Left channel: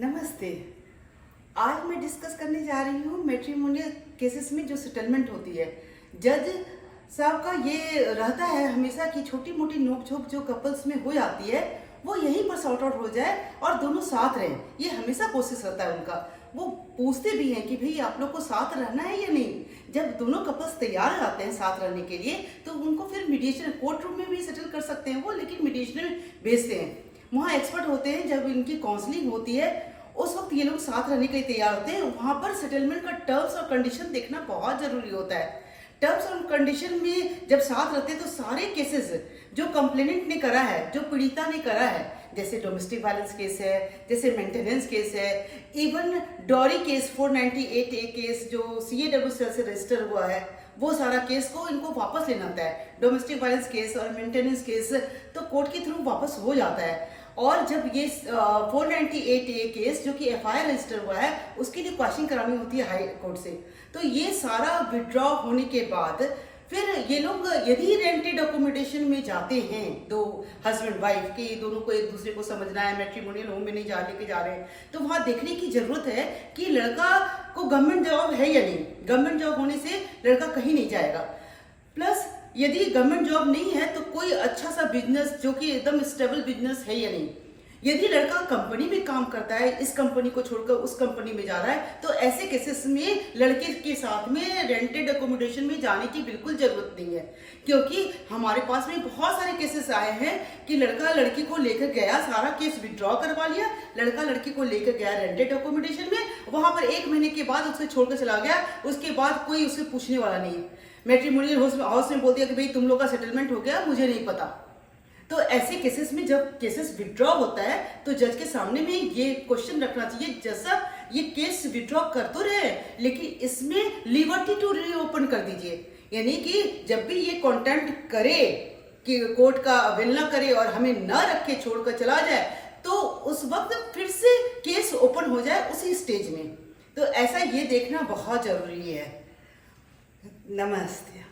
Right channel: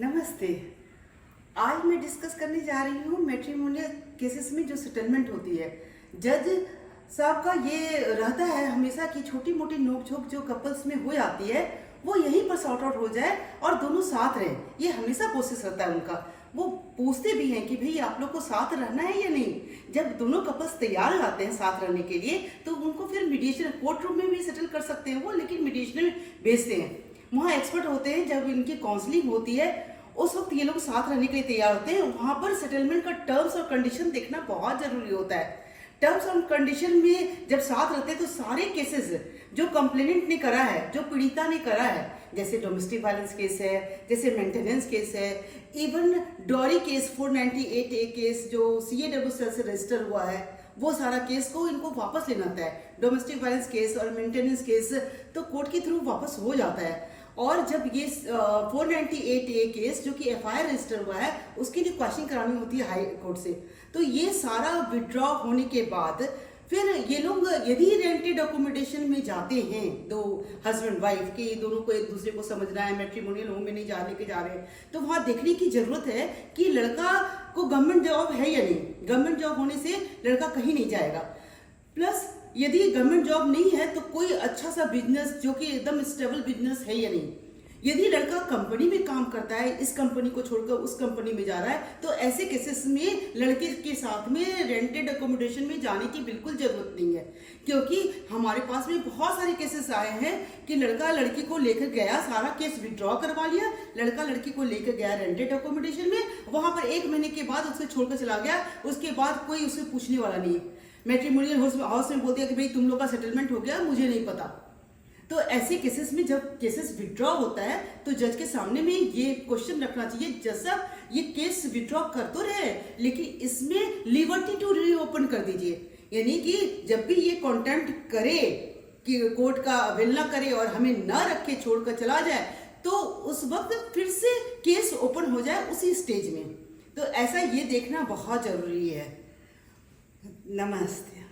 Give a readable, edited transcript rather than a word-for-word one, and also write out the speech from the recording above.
नमस्ते। आज मैं डिस्कस करने जा रही हूँ मैट्रिमोनियल केसेस में जो सेटलमेंट होती है। जज साहब का ये रहता है हमेशा कि छोटी मोटी नोक-झोंक जो कपल्स में हो जाती है वो यहीं पर सॉर्ट आउट हो जाए और दोनों साथ रहें। ये हमेशा कोशिश रहता है उनका। वो पूछते भी हैं कि भाई आप लोग को साथ रहना है या नहीं। जब दोनों कपल्स तैयार हो जाते हैं साथ रहने के लिए तो उनको फिर मीडिएशन कोर्ट रूम में भी सेटल कर सकते हैं वो, लेकिन मीडिएशन में भेजते हैं। वहाँ एक्सपर्ट होते हैं। जब इनकी काउंसलिंग होती है उस वक्त ये लोग साथ रहने के लिए तैयार होते हैं। वहाँ पर सेटलमेंट का टर्म्स और कंडीशन देखना बहुत जरूरी होता है। टर्म्स और कंडीशन में जब साथ रहते हैं तो सारे केसेस जो कंप्लेनेंट ने करा है, जो पीड़िता ने करा है, जैसे डोमेस्टिक वायलेंस केस है, जैसे मेंटेनेंस केस है, even dowry case 498A case जो CAW सेल से रजिस्टर हुआ है, वो सारा केस को इनको वापस लेना होता है। डोमेस्टिक वायलेंस केस और मेंटेनेंस केस तो कोर्ट के थ्रू वापस हो जाता है। और जब ये 498A केस जो कि FIR रजिस्टर हुआ है उसके लिए क्वेश्चन करानी होती है हाई कोर्ट से, तो ये सारा विड्रॉ होने के बाद फिर ये लोग यदि रेंटेड अकोमोडेशन में जाते हैं, दो हस्बैंड वाइफ के दोनों को एक दूसरे को समझना है, मैट्रिमोनियल होम में नहीं जाने के जा रहे हैं, तो वहाँ देखने की जरूरत है कि लड़का को गवर्नमेंट जॉब है या नहीं। गवर्नमेंट जॉब होने से लड़का कहीं नहीं जाएगा। प्लस यदि गवर्नमेंट जॉब नहीं है तो कोई अच्छा सा बिजनेस जो कि एकदम स्टेबल बिजनेस है या नहीं। यदि लड़का कंपनी में काम करता है, इस कंपनी को छोड़कर उस कंपनी में जा रहा है, तो ऐसे केसेस में लड़के के साथ में रेंटेड अकोमोडेशन में जाने की बिल्कुल जरूरत नहीं है। क्योंकि हमारे पास में बहुत सारे केसेस आए हैं कि लड़का लड़की को लेकर गया, सारा केस विड्रॉ करवा लिया, लड़का लड़की को लेकर गया रेंटेड अकोमोडेशन में, वहां पर 1 महीने के बाद उसे छोड़कर चला गया, उसके बाद कोई उसे पूछने वाला नहीं। मैट्रिमोनियल हाउस में बोल दिया कि भाई तुम लोग का सेटलमेंट हो गया, मुझे नहीं पता। तो ऐसे केसेस में जब केसेस विड्रॉ होता है तो जज के सामने में ये क्वेश्चन रखना चाहिए, जैसा ये केस विड्रॉ कर तो रहे लेकिन इसमें लिबर्टी टू रीओपन कर दीजिए। यानी कि जब भी ये कंटेंट करे कि कोर्ट का अवहेलना करे और हमें न रखे छोड़कर चला जाए, तो उस वक्त फिर से केस ओपन हो जाए उसी स्टेज में। तो ऐसा ये देखना बहुत जरूरी है। नमस्ते।